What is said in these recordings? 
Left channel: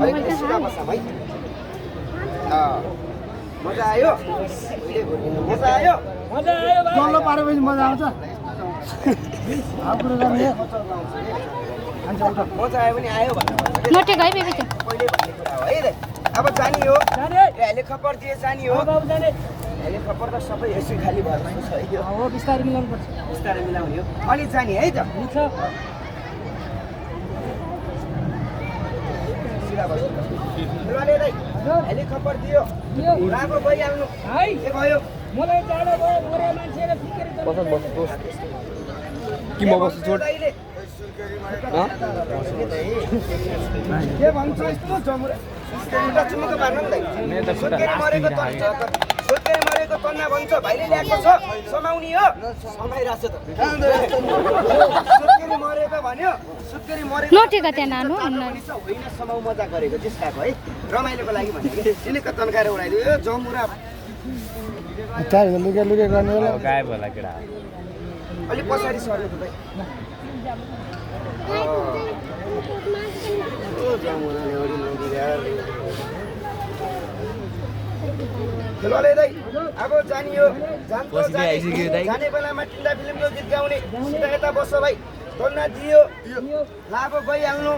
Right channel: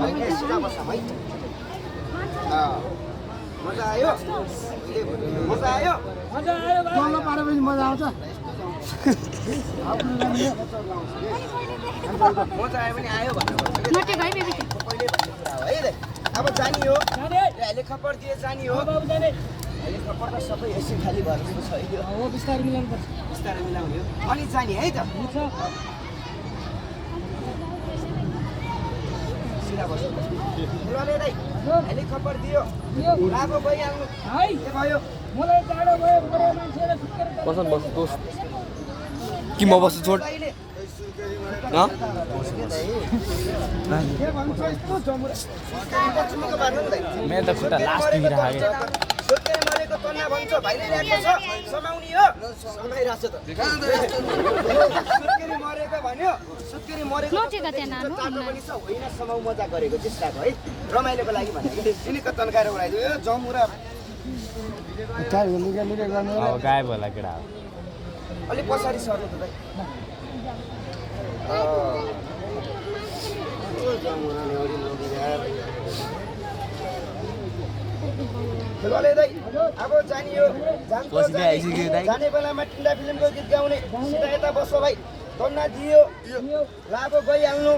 अलिकति सिधा बस्छ है मजा आयो मजा आयो डल्लो पारेपछि मजा आउँछ मजा आयो भने आयो भन्नु नटे गए बेबी पहिले भन्ने कुरा हो है अब जानी हो हेलिकप्टर दिए जानी हो हेलिकप्टर त सबै यसै खाली भएर जस्तो छ है हो बिस्तारै मिलाउनु पर्छ बिस्तारै मिलाउने हो अनि जानी है त हुन्छ सिधा बस्नु हेलो दाइ हेलिकप्टर दियो राम्रो गइहाल्नु है के भयो मलाई टाढो भयो मोरे मान्छे र सुत्केरी बस बस दोस्त कि म बस्छु छोड के भन्छ यस्तो जमुरा सुत्केरी पार्नु नि दाइ सुत्केरी मरेको तन्ना भन्छ भाइले ल्याएको छ समाउनी हो समाइरहेछ त सुत्केरी मरेको भन्यो सुत्केरी मरेको नटेको त्यहाँ नानु होइन समाउ मजा गरेको चेष्टाको है रमाइलोको लागि भनेको तिनीको तन्काएर उडाइदियो जमुरा लुके लुके गर्ने गायब होला केटा अलिक पछाडि सर्नु त दाइ जमुराले ओडी लग्यो यार खेलले दाइ अब जानियो जाने बेलामा टिन्डा फिल्मको गीत गाउने सिधा यता बस्छ भाइ तन्ना दियो लाभो गइहाल्नु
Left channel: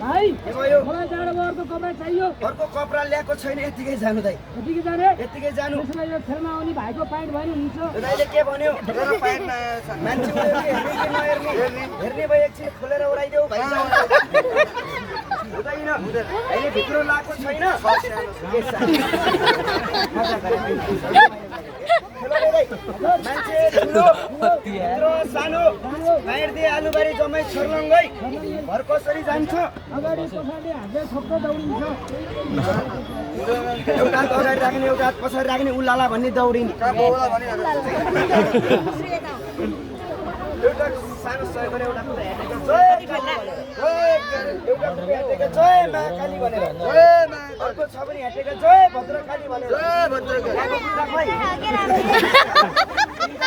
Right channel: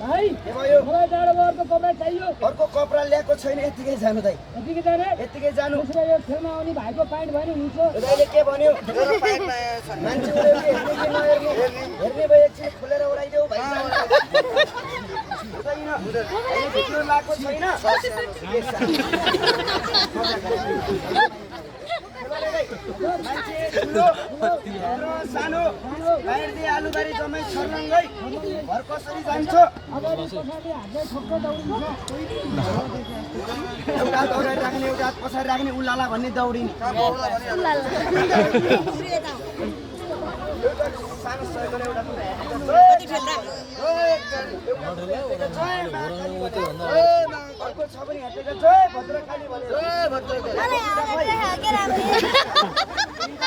भाइ के भयो मलाई टाढो अर्को कपडा चाहियो अर्को कपडा ल्याएको छैन यतिकै जानु दाइ यतिकै जाने यतिकै जानु त्यसो भए यो खेलमा आउने भाइको प्यान्ट भएन हुन्छ दाइले के भन्यो मान्छे उयो के हेर्ने कि नहेर्ने हेर्ने भए एकछिन खोलेर उडाइदेऊ भाइ हुँदैन अहिले भित्र लगाएको छैन मजा गरे मान्छे ठुलो सानो बाहिर आलुबारी जम्मै छर्लङ्गै घर कसरी जान्छ अगाडि पछाडि हातले ठोक्क दौडिन्छ एउटा हात अगाडि राख्ने एउटा हात पछाडि राख्ने उलाला भन्ने दौडिन्छ एउटा सानो सहयोग गरेर एउटा कुरा हेटेको जय महाकाली भनेर अर्को छ भने हेटेको जय भद्रकाली भनेर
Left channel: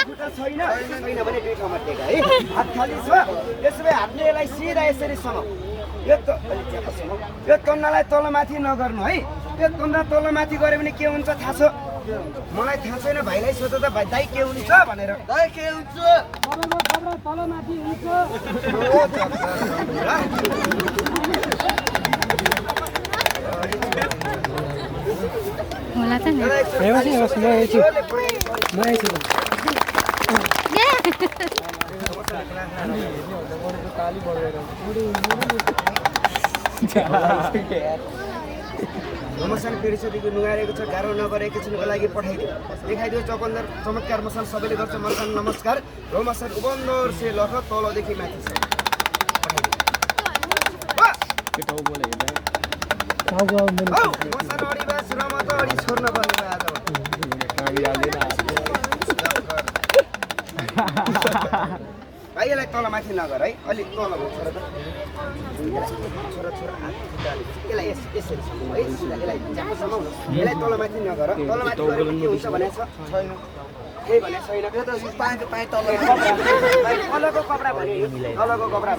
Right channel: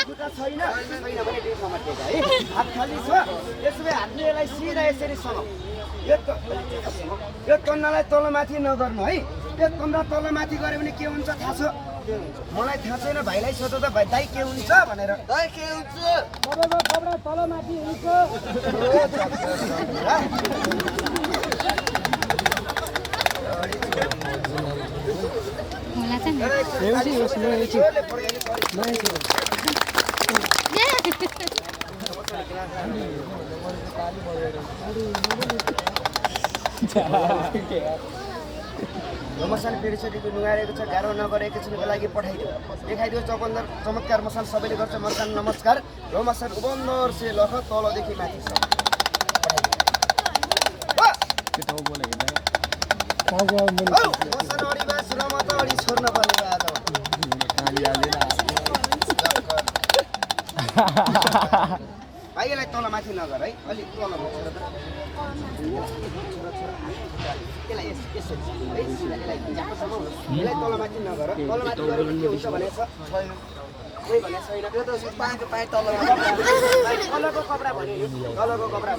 खुट्टा छैन छैन भने दुई ठाउँमा टेका है हात खाली छ त्यसो भए हातले यसलाई सिधा यसरी समाउ यो तन्नालाई तलमाथि नगर्नु है यो तन्ना तलमाथि गऱ्यो भने के हुन्छ थाहा छ मलाई थाहा छैन भाइलाई सोध त भाइ दाइ के हुन्छ भनेर दाइ के हुन्छ तपाईँको कपडा तलमाथि हुन्छ होला त मसान पेरिसकेको नुहारेको छ गाह्रो नगरे एकैछिनको लागि पठाइदियो देखाइदियो चमत्कार मसान सबैले गर्छ मसान नमस्कार हो मसान उबन्दर से लख तलदेखि माथि छ मसान अडी बास र म त अडी छोड्न पर्ने आज भाइलाई तलमाथि नगर है अलिक तल छोरा त छोरा छोरा यसलाई यसरी है यसलाई ज्याकोसम्म हुनु यसलाई तलमाथि नगर तलमाथि गऱ्यो भने के हुन्छ भनेको छैन केही भनेको छैन त्यो त पाएँ तलको कपडा भन्यो तलको कपडा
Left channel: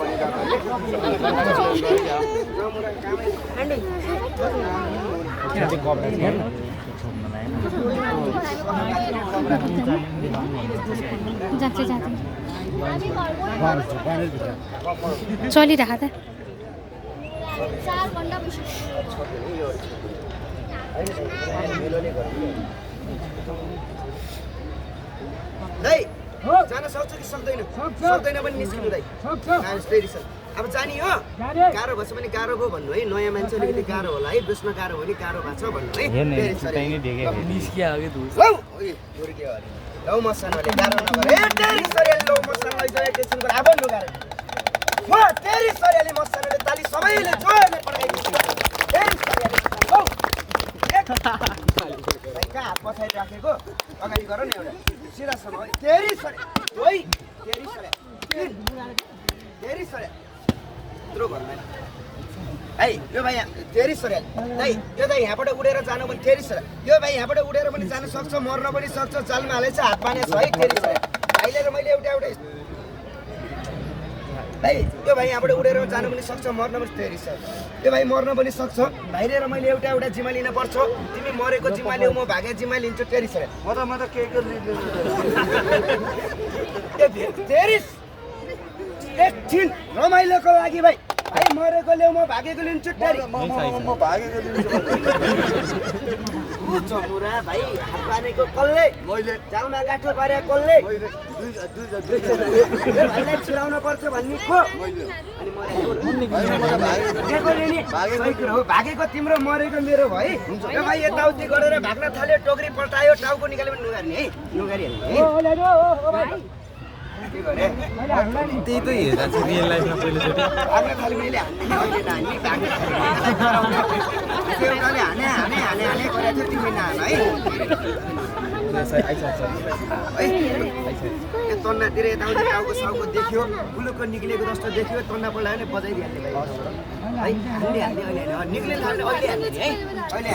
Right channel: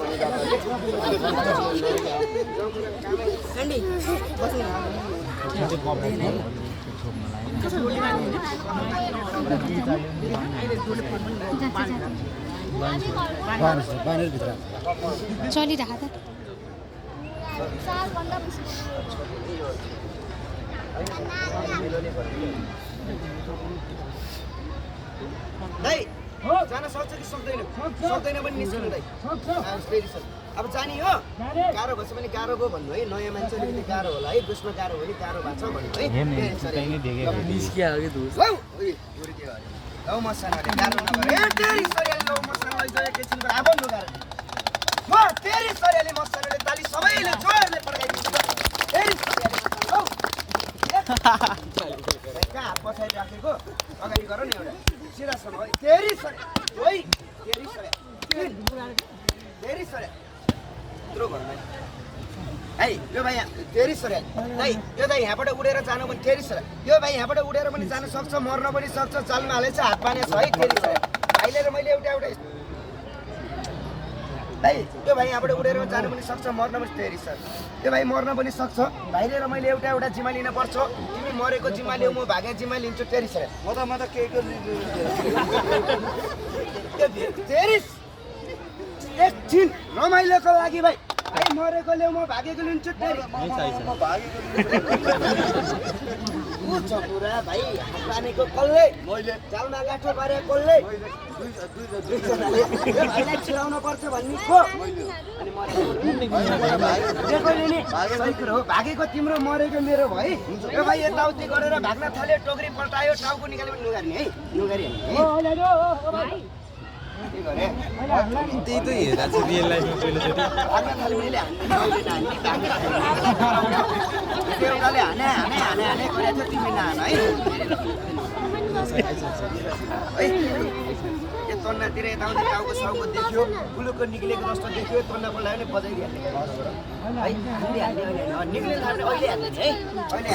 चलिरहेको त दाइ जान सक्छ कि सक्दैन सक्दैन पनि निस्किनु दाइ अब जाने हो गाह्रो भएछ भने गाह्रो भयो भन्नु है नयाँ मान्छे अलिकति गाह्रो होला है बेच्न गाह्रो हो भने गाह्रो भएको छ भन्नु है लौ मसानले गाह्रो नगरे तेरी सरियाले लौ मसान लैजाऊ एकैछिनको अब लुगाएर म तेरी सरियाले मसानले ताली सबैले जोरले पड्काइदिन्छ तेरी सरियाले लौ कहाँ हात पछाडि राखेको अगाडि गर न एउटा सिधासम्म है तेरी सरिया ओइ तेरी सरिया यत्रो भन्दैन है यो भाइ तेरी सरिया है यो दाइ यहाँबाट उडेर जानु पनि तेरी सरिया यो भाइ यहाँबाट उडेर पनि जान सक्छ मर्न पनि सक्छ चालमा हालेछ हात पाने छ है तेरी सरिया भाइले र मैले एउटा भाइ त्यो भाइ यहाँबाट उडेर जानु पनि सक्छ मर्न पनि फेरि सर त्यो भाइ मर्न पनि सक्छ भाइ लिएर मैले एउटा जिम्मा लिन पर्छ तिमी मरेको जिम्मा लिऊ म भागे जिम्मा लिन्छु तेरिस सर म त के तेरिस एकछिन रमाइलोको लागि भाइ भाइ मरेको ल्याउ म भागेको लिन्छु तेरि म भागेको चमुरा भाइ हात बानेको कसले मैले जालमा गाँठो पारे कसले भाइलाई छिराउन पर्छ भन्ने को अनि भागेको तिम्रो मरेको मेरो भाइ यो भाइ यताउति गरेर भाग्न थाल्यो टोकरी पल्टायो टाउको निकाल्यो पनि नुगार्ने है नुगारी के गरे त्यही त हेर्दा चाहिँ रियल लाइफमा पहिलोचोटि भाग्न थाल्यो भने हान्ने अहिले नानी भाग्न थाल्यो एउटाले हाने गरेको थियो तिमी नहान है यो तन्नातिर यताउति टाउको साउको देख्यो बुलुको निक्लेको जस्तो देख्यो तन्ना पल्टायो भने बजाइदिइहाल्ने भाइ है हान्ने अहिले निक्लिन थाल्यो भने अहिले हान्ने है अहिले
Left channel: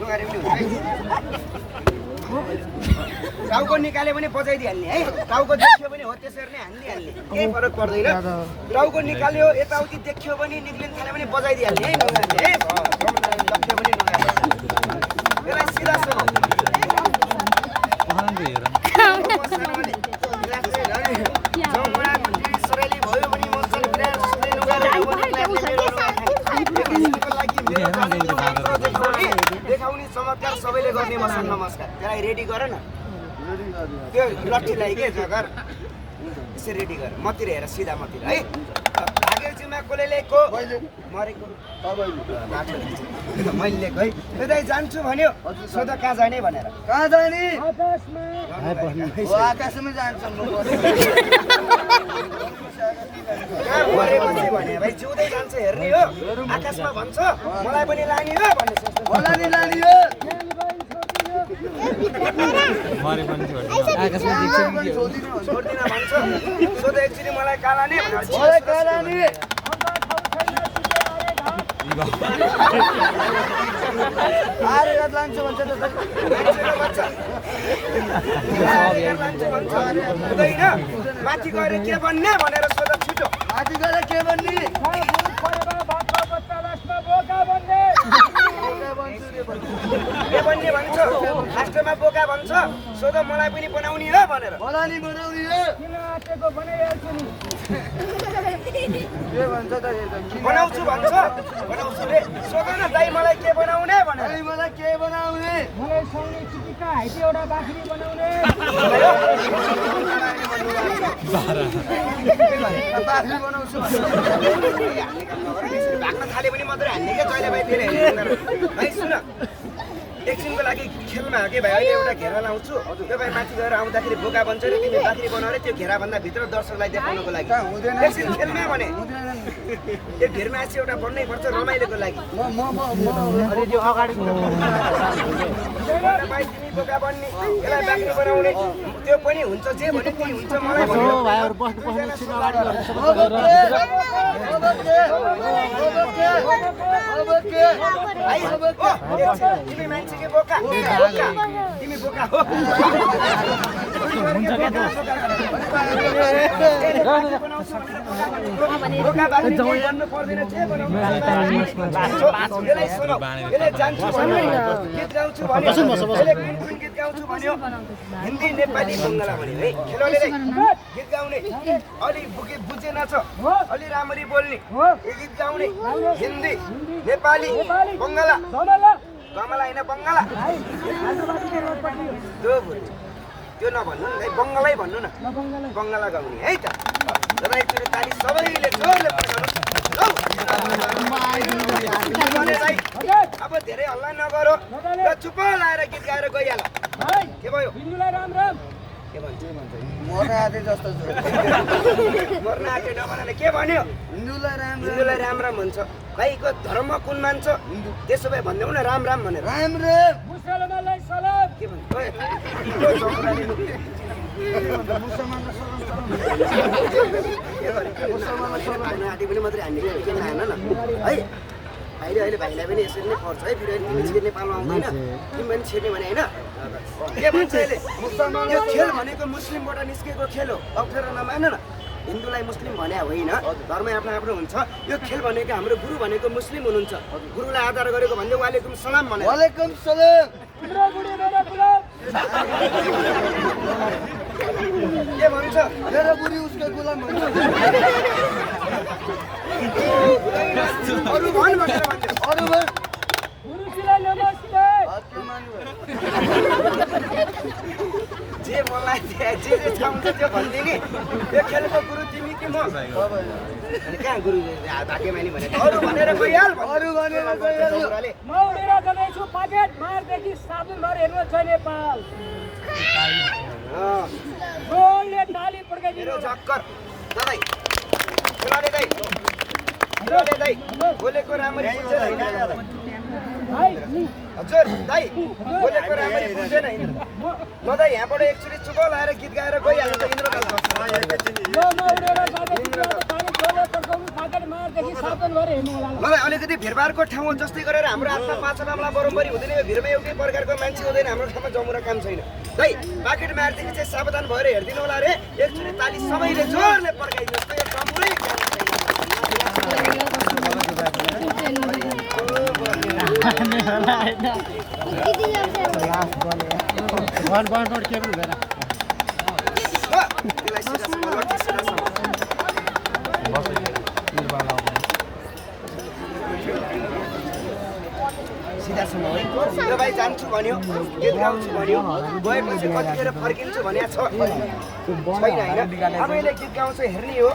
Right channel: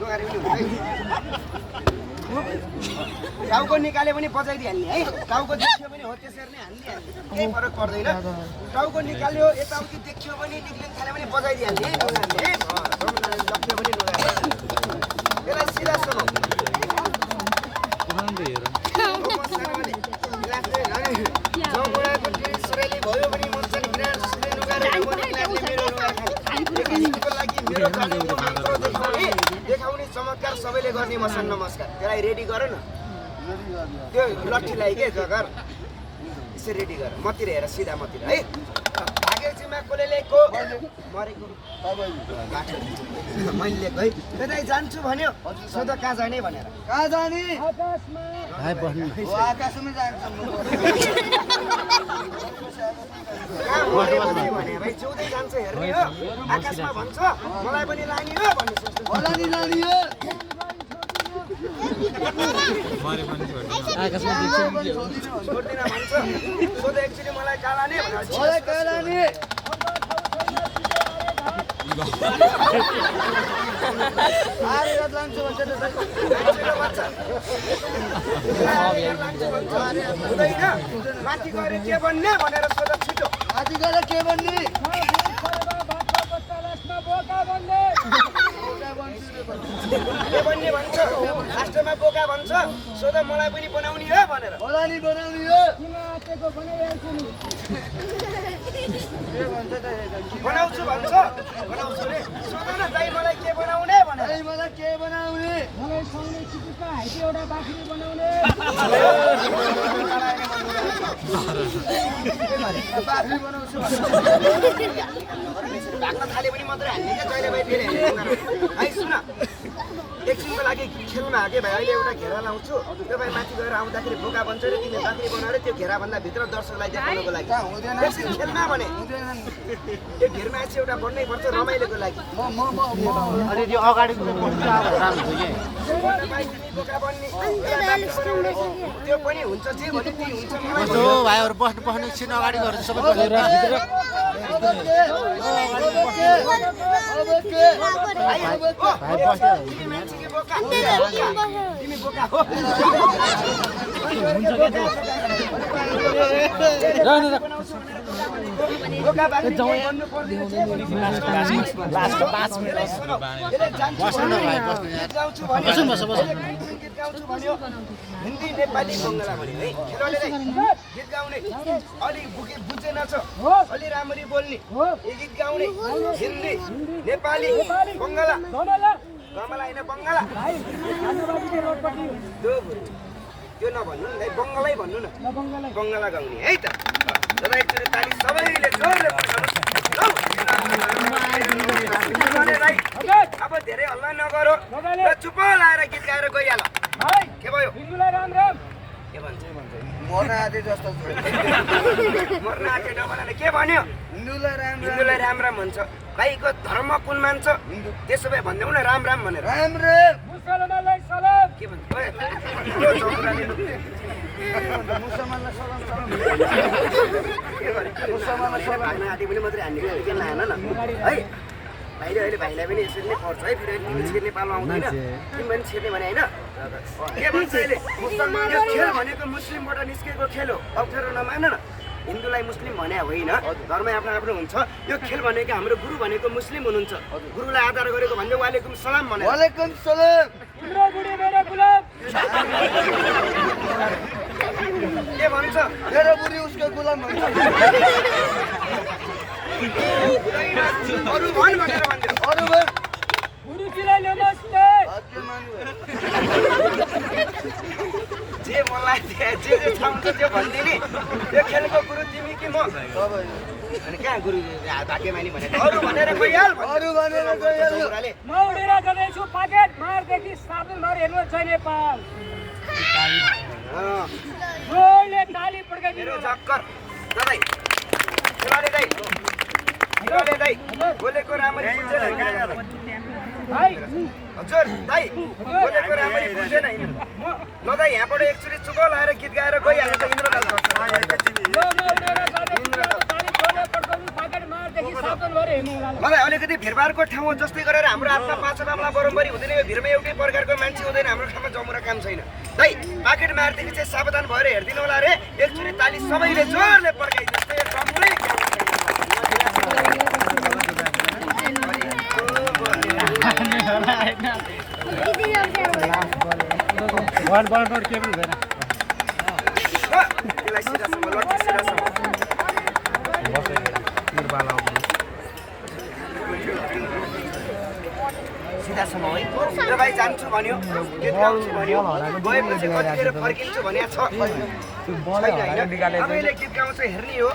नुगारे पनि हुन्छ टाउको निकाल्यो भने बजाइदिइहाल्ने है टाउको देख्यो भने हो त्यसरी नै हान्ने केही फरक पर्दैन टाउको निकाल्यो यताउति देख्यो भने निक्लिन थाल्यो भने बजाइदिइहाल्ने है यसलाई सिधा सुनौ सरेली भयो भने मर्छन् विराट सुने लुगाले देखाउने चमत्कार सबैले गर्ने मसन नमस्कार त्यसलाई रेडी गर न त्यो लट्ठीलाई के जगर यसरी रेडी गर मतिर हेर सिधा मतिर है भागेर जिम्मा कसले ल्याएको मरेको मैले ल्याएको है त्यतै जान्छु भन्यो सोध कहाँ जाने भनेर कहाँ जाने आकाशमा आकाशमै जान्छ मरेको चाहिँ भने भाइ जिउँदै जान्छ हेर्ने हो आकाशमा भन्छ मलाई पनि लाने हो भन्ने सोच्नु मलाई नि लाने हो मरे पनि आकाशमा छोड्दिन भन्छ सोध एकचोटि मलाई कहाँ लाने भनेर मलाई कहाँ लाने आरे रात लान्छु भन्छ त माथि गएर के भन्ने भनेर सोध छिटो माथि गएर के भन्ने के भन्ने भन्छ लास्टमा बोका भन्छ सोध मलाई पनि बनाउने हो भनेर मलाई नि बनाउने हो किन आँटेको बनाइहाल्छु नि के भन्छ त बनाउँछु भन्छ बनाउँछु रे सोध न दाइ मलाई के बनाउने भनेर मलाई के बनाउने मलाई साउने चिटिक्का हाइटी एउटा बाख्री बनाउने बाख्री बनाउँछु भाग्न थाले पनि मात्रै हान्ने के जहिले भाइ फेरि भाइ सुन एकछिनको लागि खेलमा के भाइ अहिले एउटा घेरा लाउँछु त्यो भाइ माथि गएर आउँदाखेरि बोका बन्छ रे तिमी बाख्री बनाऊ रे त्यो घेराभन्दा भित्र दर्शकलाई देखाउनको लागि एकछिन खेलमा भने त्यो घेरमा चाहिँ एउटा बन्नै पर्छ रमाइलोको लागि अनि त्यो अगाडि भाइ तिमी बोका बन्ने यसलाई बाख्री बनाउने त्यो पनि हुन्छ जे भने त्यही हुन्छ मलाई भाइहरु बस्नु छिन अगाडि गर्नु सबै तिमी मान्छे के बोका तिमी बोका हो बोका बाख्री भन्नु पर्दैन जे यसलाई सुनौ यसले जान्छु भन्यो गीत गाउँछु भन्यो कुन गीत गाउँछु भन्यो हिन्दी नेपाली बङ्गला भन्यो है खेलाडीले गीत गाउने अलि बुझेन छ अलि राम्ररी बोल्ने यो गीत गाउने हिन्दी नेपाली बङ्गला कमला होइन बङ्गला त्यो नभन्नु नि बङ्गलै भन्नु न बङ्गला गाउने है त जब एकचोटि ताली सबैले जोरले अब धेरै हल्ला नगरो र चुप लाएर गीत गाएर गइहाल के भयो राम राम के भन्छ मर्न आँटे जस्तो मर्न आँटे नभनाले के भन्यो हिन्दूलाई राम राम भन्छ भाइको धर्म कुन मान्छ त्यसो भए भन्दैउ न राम राम भनेर राम्रो मुसलमानलाई सलाम के भन्छ मुसलमानलाई सलाम भाग्न आँटे पनि मात्रै हान्ने के नहान न है भाइले अहिले भाइलाई पनि यसरी नै पर्छ है फेरि तिमी छिर्ने पाल्नु आउँदैन तिमी पनि छिर्ने भने होइन के भन्छ अहिले यो खेल भनेको मुस्लिमबाट निस्केको खेल हो अप्ठ्यारो नमान न हिन्दूलाई मुस्लिम भने होइन, धर्म आफ्नो आफ्नो हुन्छ। यो खेल भनेको हाम्रो गुरु भनेको मुस्लिम हुनुहुन्छ, गुरुलाई आदर गरेको भन्दै वालेकुम सलाम भने वालेकुम सलाम। तिम्रो बुढी मेरो गुलाब। के भन्छ? मेरो बुढी उसको गुलाम भन्छ। अरू भन भनेर भन्छ। अरू भन। गुरुजीलाई नमस्ते। जे मलाई जे छ हुन्छ त्यो भनिदिने। यो खेलको गुरु तिमी कि म? कहाँ गुरु भाग्यमानी भने अरू भनेर गइहाल। अरू भनेर गइहाल। म उडेर जाँदैछु पाकेट मारदेखि साबुनभर हेर्नु छ नेपाल। जोडले ताली पड्काइदिनु मेरो चक्कर दाइ खेलाडे दाइ खेलाडे दाइ बोलेको राम्ररी बुझ्दैन भाइ। हजुर दाइ बोलेको राम्ररी बुझ्दैन ल दाइ यहाँबाट एकचोटि चुप लाएर गीत गाएर गइहाल्छ इन्द्रकाल म उडेर जाँदैछु ताली जोडले पड्काउनु पाकेट मारदेखि साबुनभर हेर्नु होला। मलाई अलिकति भिडभाडको ठाउँ जस्तै गरेर हाम्रो आफ्ना पाँच मामला बराबरी हुँदैन। यो भिडमा एउटै प्रकारको मान्छे हुँदैन। हाम्रो ठाउँमा जमुरा काम छैन। दाइ पाकेट मारदेखि चाहिँ सावधान भएर हेरिदिनु होला रे। एकचोटि ताली सबैले जोरले पड्काइदिनुहोस्। यो कम्प्लै सिधासम्म है यो भाइ जान्छु भन्यो, गीत गाउँछु भन्यो, गएपछि कतिखेर फर्किन्छु भने छ छैन होइन। अब यसले गीत गाउँछ हेर्ने हो।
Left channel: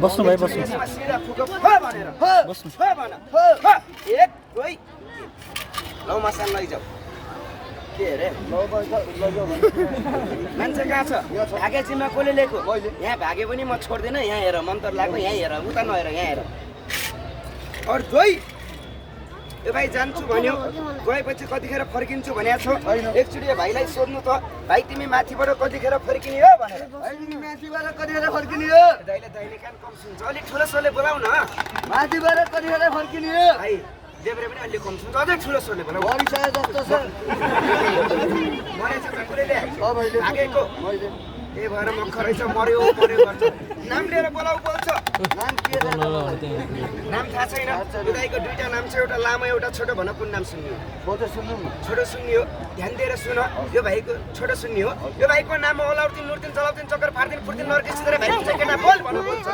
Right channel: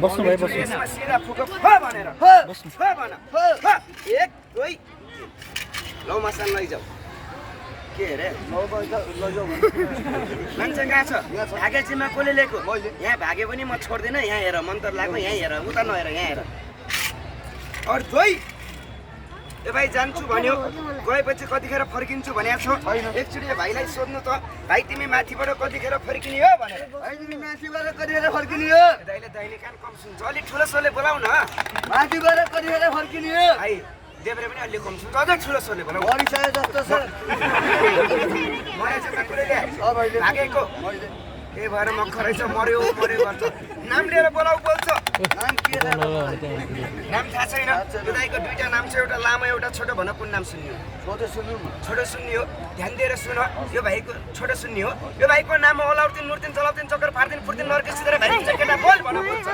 बस्नु भाइ बस्नु। यसमा सिधा फुक भनेर भन एक दुई लौ मसान लैजाऊ। के अरे मान्छे कहाँ छ? भागेजीमा कसले लिएको? यहाँ भागे पनि म छोड्दिनँ। यहाँ हेर मन्तर लाग्यो। यहाँ हेर उता नहेर यहाँ हेर। अरू जोइ यो भाइ जान्छु भन्यो, गएपछि कतिखेर फर्किन्छु भने छ। एकचोटि यो भाइलाई सोध्नु त, भाइ तिमी माथिबाट कतिखेर फर्किने हो भनेर। तिमी माथिबाट कतिखेर फर्किने हो? दाइले दाइले कान कम सुन्छ, अलिक ठुलो स्वरले बोलाउ न। माथिबाट कतिखेर फर्किने हो? भाइ देब्रे पनि अलि कम सुन्छ, अझ ठुलो स्वरले बोलाउ। मरिसक्यो जस्तो छ। मरेछ कुरैले भागेको त्यही भएर मक्खर रहेछ। मर्यो मर्यो गर्छ। नाम लिएर बोलाउ बोल्छ। नाम के नाम थाहा छैन। यो दाइको दुईटा नाम छ, एउटा लामो एउटा छोटो। भन कुन नाम सुन्ने हो? फोटो सुन्नु न। छोटो सुन्ने हो। ध्यान दिएर सुन। यो भाइको छोटो सुन्ने हो। यो भाइको नाम ओलाउदिन नुर्दिन चलाउदिन चक्कर फार्दिन फुर्दिन नर्के सिधै भाइ केटा बोल भन बोल्छ।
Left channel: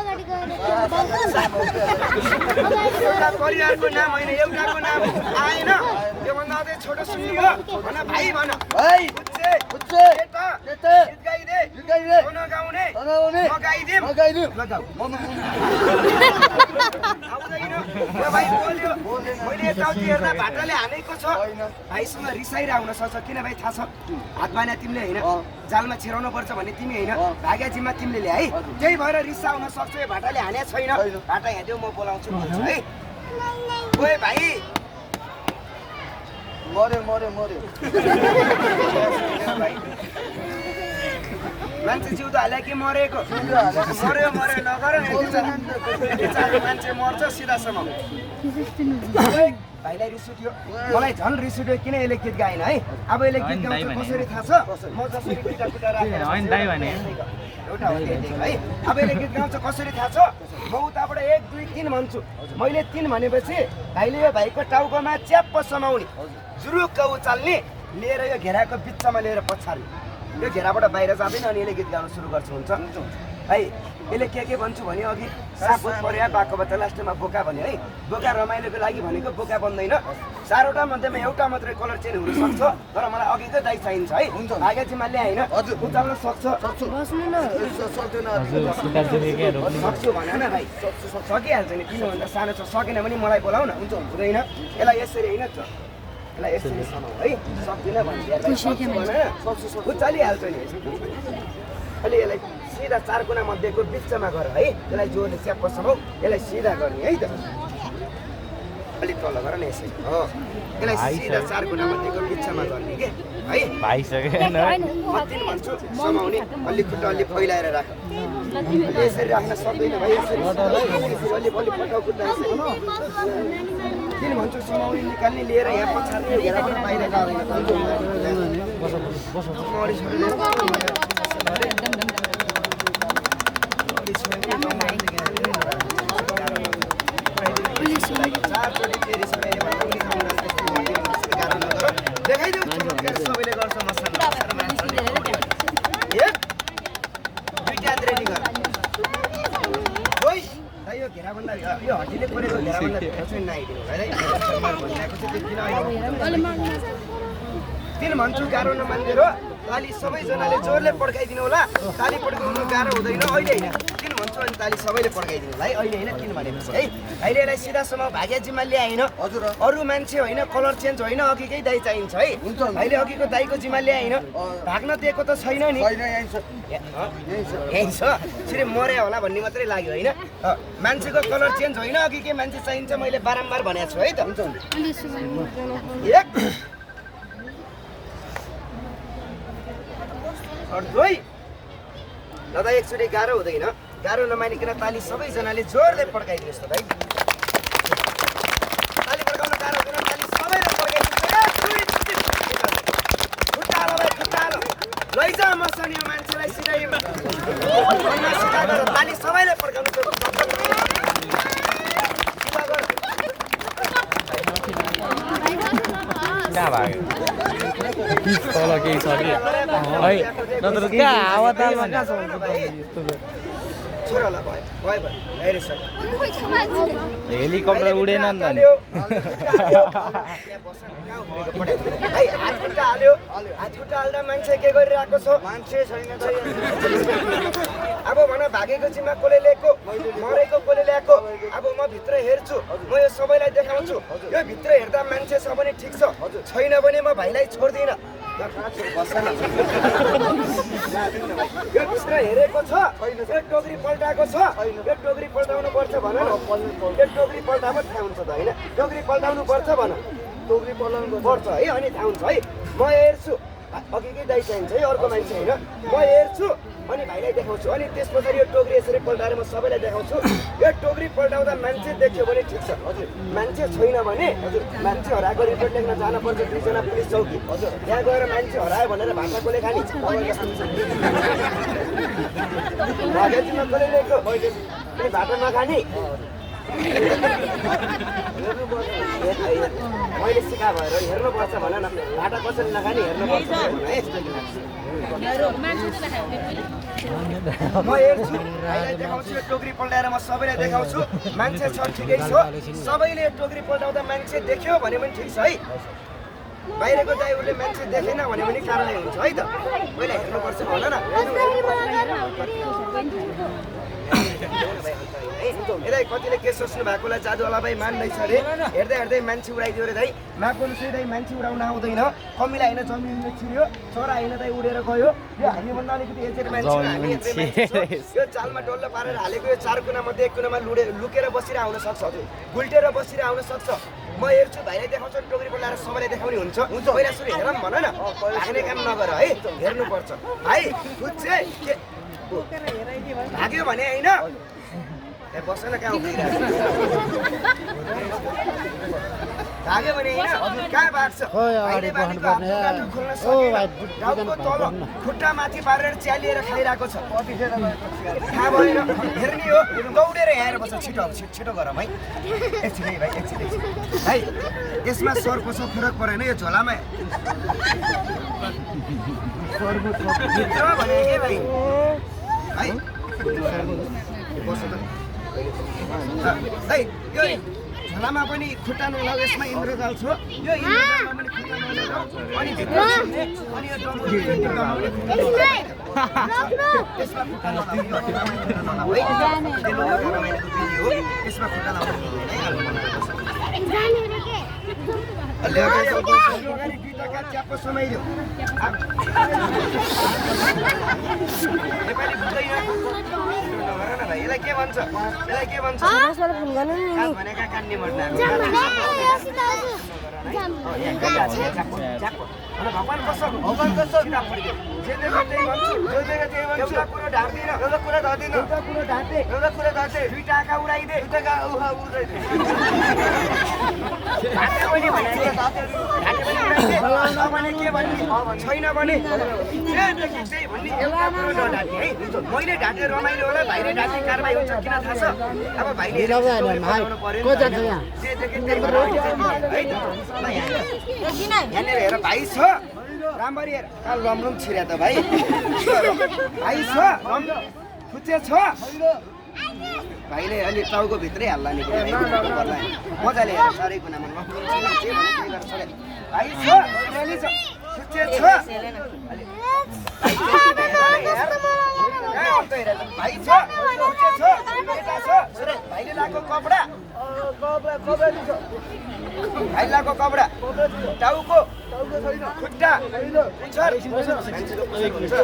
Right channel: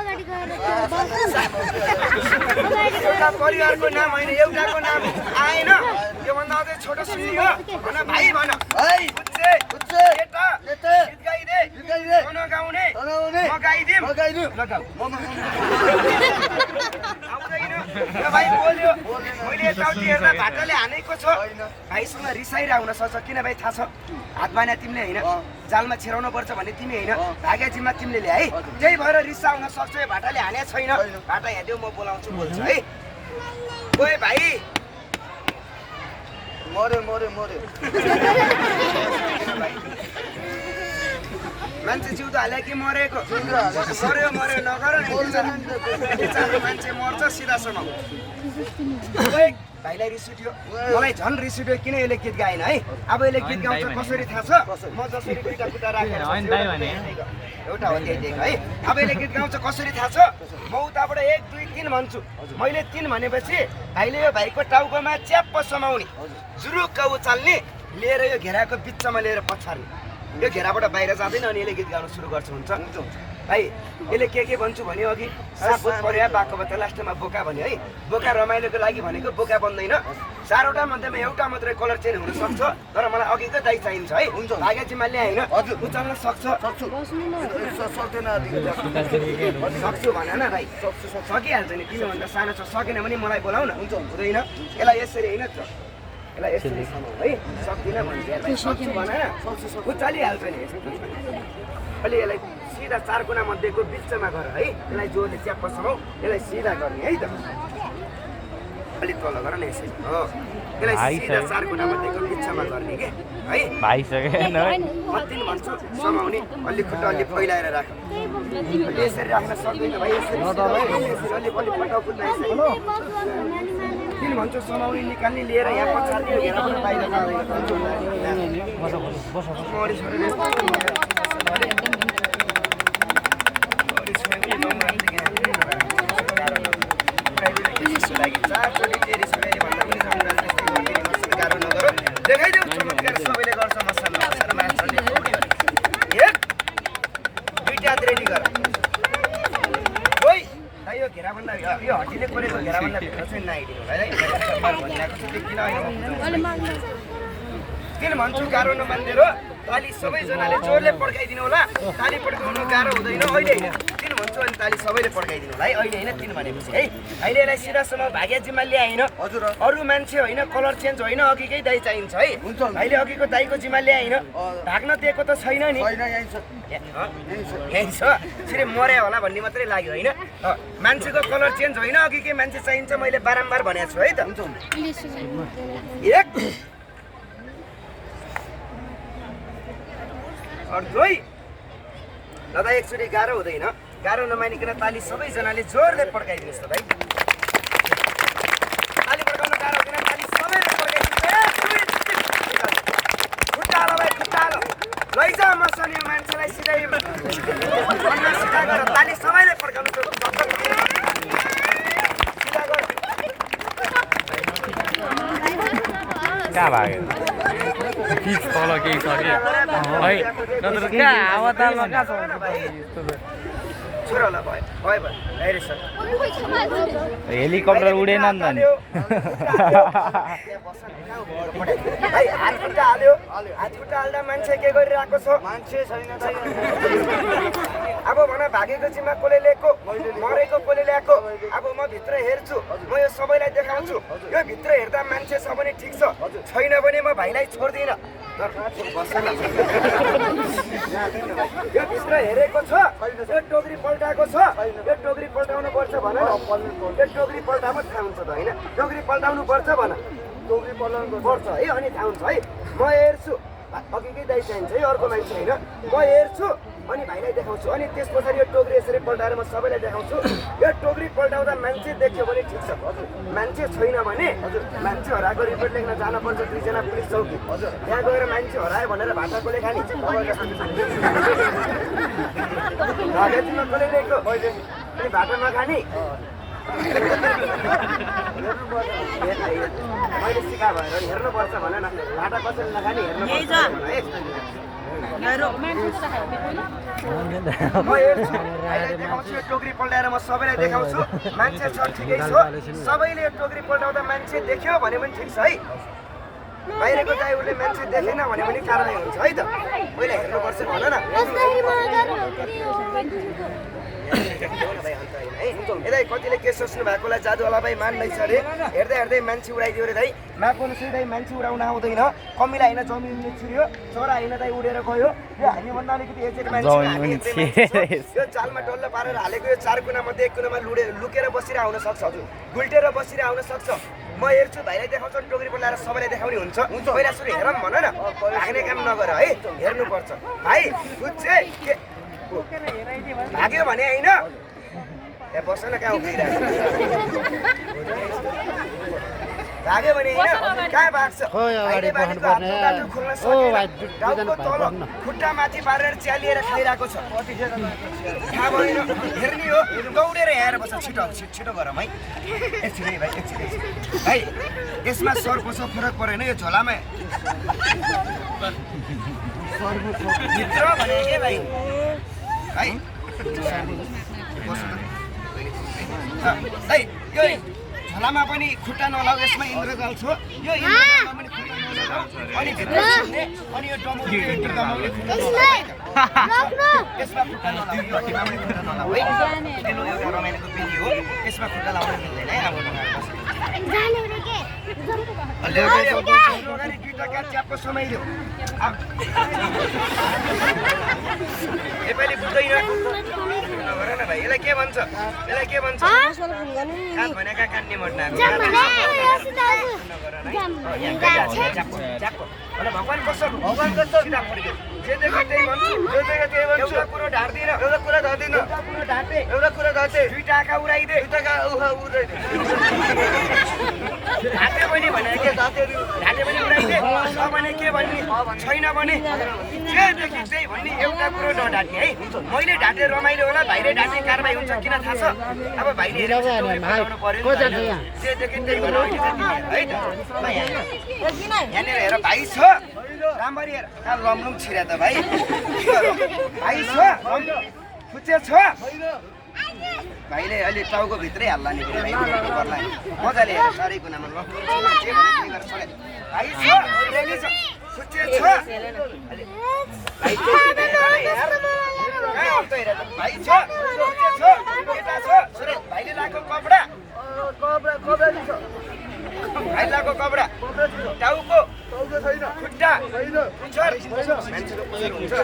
एउटा परिवारको नाम होइन, एउटाको नाम आएन। योभन्दा अझै छोटो सुन्ने हो। भन भाइ भन। भाइ बुझ्छे बुझ्छे। केटा केटा गीत गाइदे गाइदे गाउन गाउने गाउने म गाइदिम म गाइदिम। लगाऊ आउँदैन। यो भाइ बोल्यो। मैले यताउति हेर्दा भाटाले हानेको छ। भाइसँग रिसाइरह हुन सक्छ। किन भाइ थाहा छ? हात बाना तिमीले होइन, जालमा छिराउनु पर्छ भन्ने तिमी होइन, भाग्या जिम्मा तिमीले ल्याए है। त्यही भएर रिसा हुन सक्छ। यो भाटाले हाने छैन। भाटा हेर्दियो म बोलाउँछु बोल्छु है। ओए भाइ मर्यो मर्यो मर्यो। मान्छे जिउ त हाल्यो कि मरेको? मर्यो मर्यो नगर न। यति चारको मान्छे मर्छ सिधासम्म। भाइलाई रिस उठ्यो, मलाई झन् रिस उठ्यो। किन यसले गीत गाएन है? अब यसले गीत गाउँछ कसरी थाहा छ? म जसरी पिटा कुटा राखेर एउटा हो त्यही है। अब यसले गीत गाउँछ कसरी थाहा छ? म उताबाट 1 2 3 भन्छु। मैले 3 भनेपछि भाइले यो भाइको टाउकोमा च्याप्प समाउने, जुरुक्क उचाल्ने, लिएर यो घेराको बिचमा लिएर पछार्ने। यो घेराबाट बाहिर जाँदैन अनि यसले गीत गाउन सुरु गर्छ। हुन्छ भाइ यसले के भन्छु भन्यो अघि? सापुत पर्या बाको बच्चा लास्टमा बोका भन्यो है। बोका रमाइलोको लागि भनेको बोका बन्दैन। 4वटा मध्येमा एउटा मात्रै कलर चेन्ज हुन सक्छ। तर मलाई अघिको दाइ चाहिन्छ है। भाग्य जिम्माले होइन उचाल्न सक्छ। सक्छु भन न भाइ। सकिहाल्छ नि, किन भन्दा सानो छ। सकेन भने मलाई बोलाउ न। हुँदैन यसलाई यसरी होइन यसलाई यसरी समाउ है। सक्दिनँ भन्छ भाइ। सक्छु भन न, उचालिहाल्छ नि। अहिले यसलाई सिधा 4 कुना मध्येको बिचमा गर है। यसलाई जोडले च्याप्प समाउ। यसलाई सिधा गर्ने है त। अलिक तल गर न यसरी। हो यसलाई सिधा 4 कुना मध्येको बिचमा गर्ने के है। भाइसकेन म 3 भन्छु समाउने। अलि खुट्टा अलि फैलाएर राख। अलि यसरी राख्न सक्दैन भाइ। यसरी अलि अलि फटाउ खुट्टा यसरी 3 भन्छु समाउने निकाल्ने लिएर यहाँ पछार्ने घेराबाट बाहिर गाड्ने। समय पनि गाउँमा लागि 4 चोटि टेरिस मैले भन्दा पनि गाउँमा त्यस्तै गरिदिने गर्छ गाह्रो नगर देखाइदेऊ चमत्कार सबैले गर्छ मसाला मान्छ एक दुईटा रेडी गर ओइ दाइ यो घेराभन्दा यो हड्डीले कोरेको घेराभन्दा भित्र चाहिँ नआइदिनु होला है सरकार भनिरहेको छ त्यो किन अहिले किन भन्छु गाह्रो नमान्देर ताली सबैजनाले जोरले पड्काइदिनु होला ताली पड्काउनु गाह्रो हुँदैन अहिले होइन किन भन्छु अनि ताली सबैले पड्काइदिनु होला है अहिले होइन किन भनेपछि है अहिले यसलाई सिधासम्म भाग्य जिम्मा ल्याएन हजुर अरू मान्छे होइन कलर चेन्ज होइन अघिकै दाइ चाहिन्छ है हुन्छ अहिले अघिको दाइको जिम्मा ल्याएन भाग्न दिएको त छैन नि छैन यहीँ छ यहीँ छ फेरि मर्या होला भन्ने मात्रै लाग्यो होइन मान्छेको कलर चेन्ज होइन अघिकै मान्छे चाहिन्छ मैले बारम्बार भनेको छु है त एक दुई दादा एकचोटि गाह्रो हुँदैन गाह्रो नमानिकन ताली सबैजनाले जोरले पड्काइदिनुहोस् त भाइ ताली पड्काउन गाह्रो हुँदैन ताली सबैले पड्काइदिनुहोस् खुट्टा हाल भाइ खुट्टा हाल लैजा मसँग मान्छेलाई सिधै भन्न सिधा गर ताली सबैले पड्काउनु सिधा गर कहाँ भयो तल केही छ कि है नत्र कहाँ हावा तालमा छोरालाई भयो भयो भयो हेरे सर हेलिकप्टर उडेन नि त नि हात खुट्टा हाल्यो हात खुट्टा हाल्दा मान्छे के गरिरहेको छ मान्छे छैन त अब भन भागेको जिम्मा कसले लिएको मरेको कसले ल्याएको अब म भित्र हेर्छु म यो सबैलाई देखाउँछु यो भित्र हेर्दा मान्छे छ भने ठिक छ छैन भने म भाइलाई छोड्दिनँ यो भित्र हेरेको छ यो टोकरी पल्टाएको छ यो टोकरी पल्टाउनु पर्छ भन यो टोकरी पल्टामा थाहा हुन्छ त होइन टोकरी पल्टाउनु पर्छ भन टोकरी पल्टाउनु पर्छ है अनि थाहा हुन्छ है म हेर्छु अघिकै दाइ चाहिन्छ है अर्को मान्छे होइन म हेर्छु अनि भाइलाई देखाउँछु अनि त्यस पछाडि यो टोकरी यसरी पल्टाएर म सबैलाई देखाउँछु यो टोकरी पल्टाउँदा मान्छे देख्यो भने ठिक छ हजुर मान्छे छैन भने हजुर मान्छे हराएको रिपोर्ट लेख्न जानुपर्छ 2 जना पुलिस चौकी हजुर त्यहाँ गएर मान्छे हरायो भनेर भाषा कसले खाने भागाजीमा कसले लेख्यो अनि भाटा नखाने मैले सिका भएर हेर्नुपर्छ भन न भाटा कसैले नखाने हेर्नुपर्छ भन है म हेर्छु भाइलाई देखाउँछु यो टोकरी पल्टाएर म सबैलाई देखाउँछु मान्छे छ ठिकै छ सबैले यो टोकरी पल्टाउँदा मान्छे देख्यो भने पनि ठिक छ है बाहिरको दाइ उसले मान्छे देखेन भने पनि कारवाही हुन्छ है त पहिला हेर्नुपर्छ भन न यता कतिले के सोच्नु भएकोलाई जादुवाला भाइ मान्दैछ अरे हेर्दै हेर्दै मान्छे उडाइदियो अरे दाइ मापनु चाहिँ दाइ मान्छे उडाउन आउँदैन कमिला होइन जमिन छिर्यो छोरा होइन दाइ उडेर गयो यो हामीभन्दा अलिकति एजेड मान्छे हामी यत्रै मान्छे यो चालमा डल्लो पारेर हालेको यो 4 कुनामध्ये 1 कुनामा लुकेर बसिरहेको हुन सक्छ हजुर गुल्टेर बसिरहेको हुन सक्छ म हेर्छु भाइलाई देखाउँछु टोकरी पल्टाएर सबैलाई देखाउने हुन्छ पहिला सुरु हेरौँ भन न भाग्ने काम नगर है हेर्नुपर्छ भाइ बुझ्छे भाग्यो भने होइन त्यहाँ बस्न कहाँ उभिरहेको भाग्यो भने होइन कहाँ भाग्छ खुट्टा माथि पारेर च्यालिएर खाइरहेको छ थाहा भएन हेर्ने हो दौडेर यहाँ बस्छ छिटो छिटो गरौँ है एकछिन है भाइ एकछिन भाइ यसमा सरको छ फरक परेन यो झोलामा भित्र भने के भाइ है यो झोलामा पनि खुट्टा नलाऊ यसमा इन्द्रजाल छ यो इन्द्रजालमा पनि खुट्टा नलाऊ अनि भित्र छिर्ने अनि यो डमाउने खुट्टा यसमा खुट्टा नलाऊ हड्डीमा पनि खुट्टा नलाऊ है तेलो एउटा रमाइलोको विधि हो यसमा खुट्टा लाउनु मिल्दैन है अब अगाडि दुईटा काट च्याप्पो समाइदियो नेपाली बुझ्दैन नगर न भाइ यसलाई के भन्छ काट भनेका काट्ने मर्नाको अनि भगवान कसम सिधा फर्क्यो जे देख्यो त्यही भन्छु एउटा कुरो ढाँट्दिन एउटा कुरा ढाँटे दुईटा आँखा उडाइदे ढाँटे पनि भनेर के ढाँटे पनि उडाइदे भने के भन्ने छैन भने जे देखेँ त्यही भन्ने एउटा कुरो नढाँट्ने है मैले ढाँटे रमाइलो होला भाइले डाँटे कारबाही हुन्छ किन थाहा छ अब भाइले बनाउनु पर्यो जे देखे त्यही भएर अहिले चाहिँ तिमी हेर है त ल यहाँनिर हेर भाइ छ राम्ररी हेर कहाँ लमलुम छिर्या त भाइ भाइ छ फुच्चे छ भाइले अलि टाउको भित्रै हाल्ला नि पर्ला मजाले हेर साह्रै कुनामा लमलुम छिर्या जे भने त्यही गरेर सबै भाइ छ रेली छ फुच्चे छ भाइ भाइ छ फुच्चे छ केटा छ भाइले लगाएको कपडा भाइ लगाएको कपडा टाउको छैन खुट्टा पुच्छर मान्छेको पुच्छर हुन्छ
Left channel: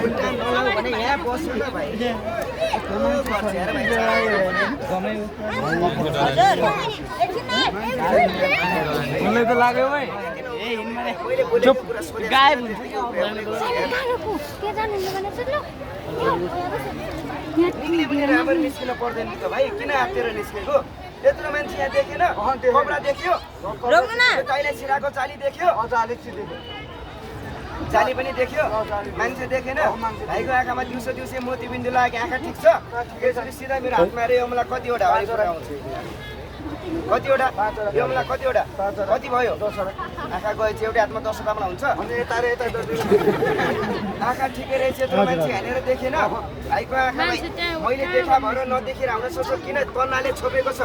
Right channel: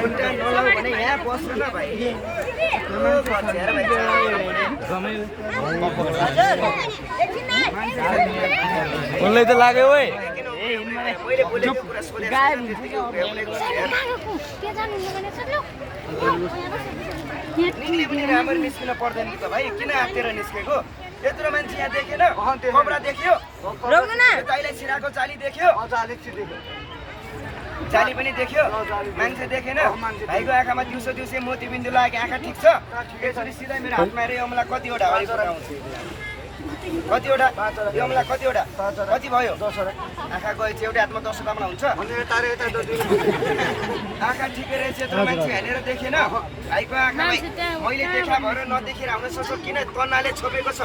खुट्टा नलाउ भने यहाँ बस्छ न भाइ उनलाई त लाग्यो है मैले बोलेको कुरा सोधेको निक्ले पनि राम्ररी निस्किन पर्दैन कि त भाइ किन आत्तेर निस्केको यत्रो मान्छे यहाँ देखेन कपडा देख्यो दाइलाई छिराको चाली देख्यो जाली पनि देख्यो मान्छे देखेन भाइको आँखामा दिउँसो दिउँसै मोतीबिन्दु लाग्यो आँखा ठिक छ यसरी सिधै मेरो हातमा रे अमला कतिवटा कतिवटा यो अमला कतिवटा कति भयो आँखा गएछ एउटै हातमा 10 वटा अमला हुन्छ आँखा ठिकै रहेछ यत्रो मान्छे हेरेर देखेन भाइको आँखामा मैले देखा भएर नदेखेर आउन सक्छ किन तन्नाले छोपेको छ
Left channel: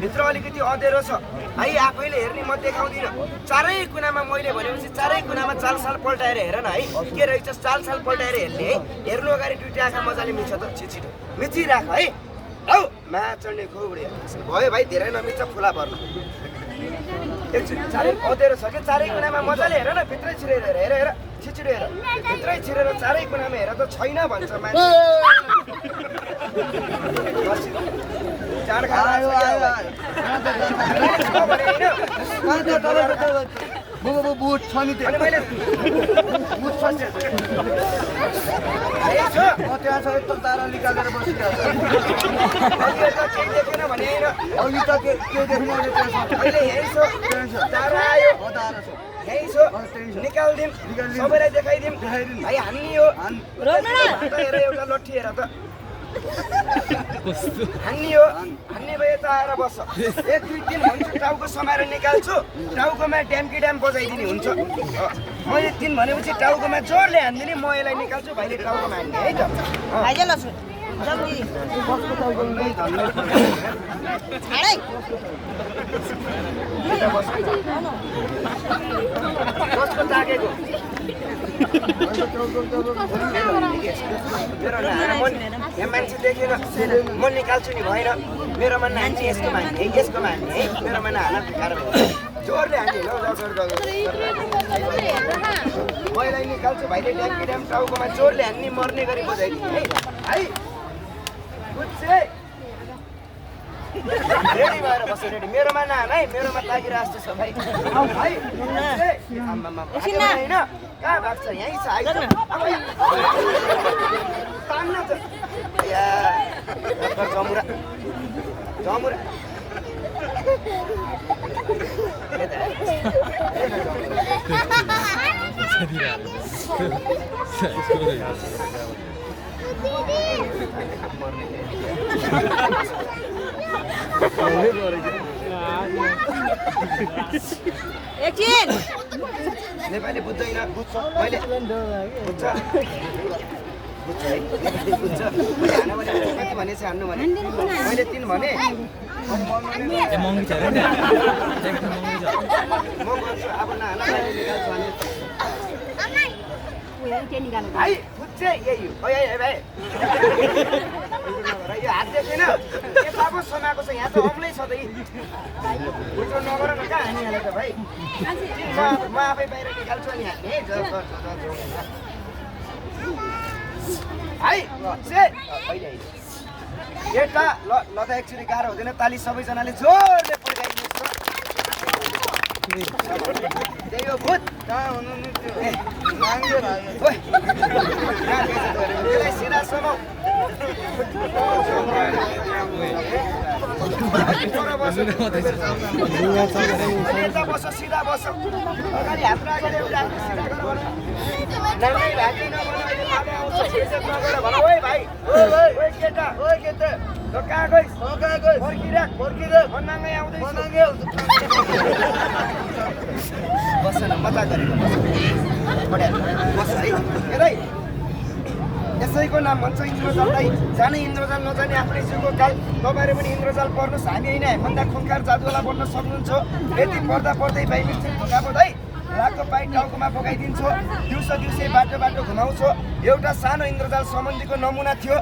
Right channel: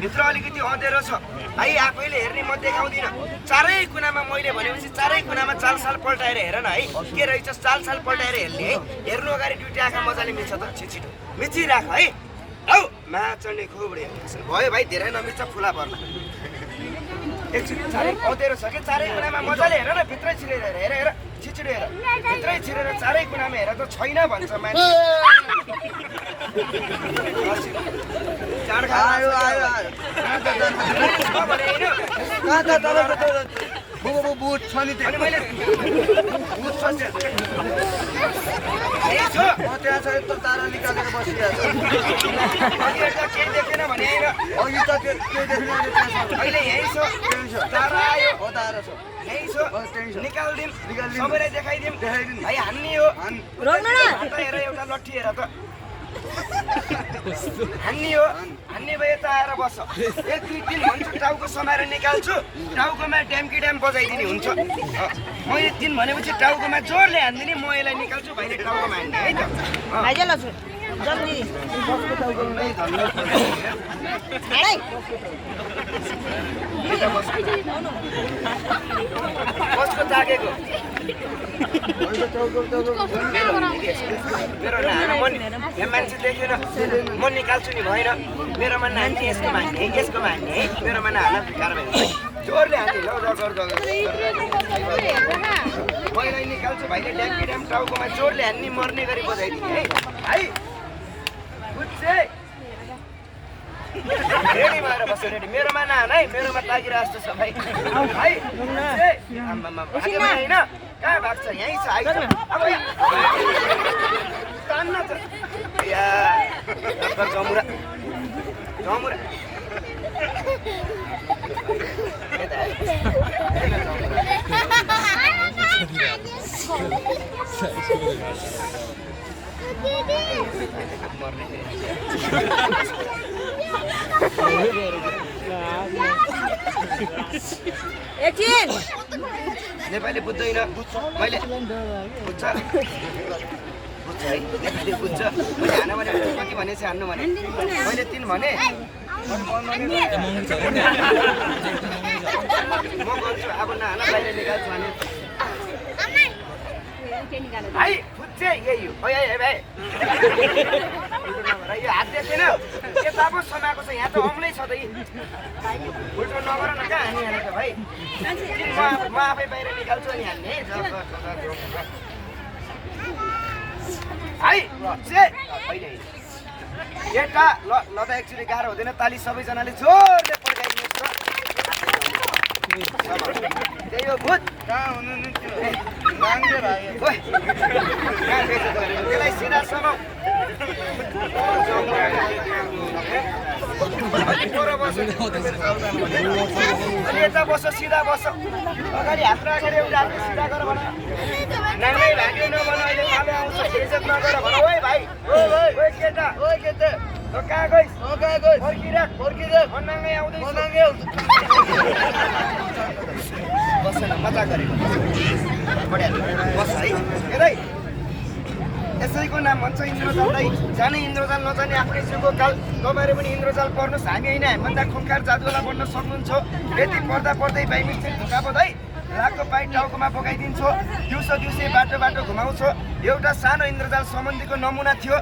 भित्र अलिकति अँधेरो छ भाइ आफैले हेर्ने म देखाउँदिनँ चारै कुनामा मैले भनेपछि चारै कुनामा चालसाल पल्टाएर हेर न है के रहेछ चालसाल पल्टाएर हेर्ने है हेर्नु अगाडि दुईटा आँखा मजाले मिच्छ त छिटो मिचिराख है औ मा चढ्ने खोबडे भयो भाइ धेरै नमिच्छ फुला पर्नु एकछिन चारै अँधेरो छ कि चारै कुनामा मजाले हेर न भित्रै छिरेर हेर हेर छिचिडो हेर भित्रै छिरेर चारै कुनामा हेर त छैन भन्छ मान्छे आयो बुट छ नि त्यहाँ छ यत्रो तारा निकालेर बसिरहेको अघि त के देख्ने निकालिदिउँ सबैलाई देखाइदिउँ भाइ हान्ने हो हेर एउटा लट्ठी हेर त हान्ने हो हान्ने भए त आएर बस्छ एक दुई दिन भन्छु टाउको समाएर निकाल्छु टाउकोमा ड्याम्की ड्याम बजाइदिने हुन्छ मैले दिन भनेपछि टाउकोमा जोडले हान्दिने म यसलाई निकाल्छु भाइले टाउकोमा हान्ने है त कसको जागेको मेरो नाना म यहाँ मान्छे देखेन म निकाल्छु नि भएन मेरोमा नानी यसको मान्ने यसको मान्ने है मेरोमा नाना भिकार भयो जोरले हान्ने ल मैले निकाल्छु भाइले ड्याम्की ड्याम टाउकोमा जोरले हान्ने मर्ने गरी बजाइदिने है भाइ बुझ्छे रेडी भएर बस्छ रेडी मेरोमा नाना है मेरोमा लागिरहेको जस्तो छ भाइ भाइ आम्मामा भाग्यो भने होइन कहाँ भाग्छ यहीँ छ आइज अब तान्न त या जमुरा जमुरा एकछिन नेपाली बुझ्दैन मैले बुझ्छ बुझ्छ है नेपाली बुझ्छ मैले हान भने कति भनेपछि हान्नु भने मैले 3 भने म गर्छु अब नहान बाहिर निकाल्छु भने भाइ बुझ्छ यही हो भाइ यो हात देखेन के बाबु समाएको छ यहाँ त अम्लै छ त उल्टो नगर न कहाँ हानिहाले त भाइ म आफै बाहिर निकाल्छु अनि हान्ने है भाइ एउटा ल त एक्चुअली गाह्रो हुँदैन ताली सबैजनाले जोरले पड्काइदिनुहोस् नाङ्गे त्यही हो भूत कहाँ हुनु नि त्यो नाङ्गे भाइ ओइ कहाँ गएछ त भनेको त्यसलाई सिधा समाउ अलि पर बस अलि यता बस सिधा बस अगाडि हात राखेर एउटा हातले सिधा गर भन नाङ्गै भाग्यो नभन अहिले पालो आउँछ बेइज्जत नगर भन ओइ भाइ ओइ केटा त कहाँ गइस् फर्किराख म नाङ्गै आउँदैछु बस न मजा गरेको बढिया बस है हेरै यसैको नाम भन्छ इन्द्रजाल दाइ जाने इन्द्रजाल नजाने आफ्नै जिउको काल तपाईँहरू पनि इन्द्रजाल पर्नुहोस् हामी होइन हामीभन्दा खुङ्खार जादुवाला बन्न सक्नुहुन्छ यति पर्दा पर्दै भाइ मिस्त्री धोकापत है रातको पाइ टाउकोमा बोकाइदिन्छु दिउँसो दिउँसै बाटो घुमाउँछु एउटा सानो इन्द्रजाल सम्बन्धीको नमुना थियो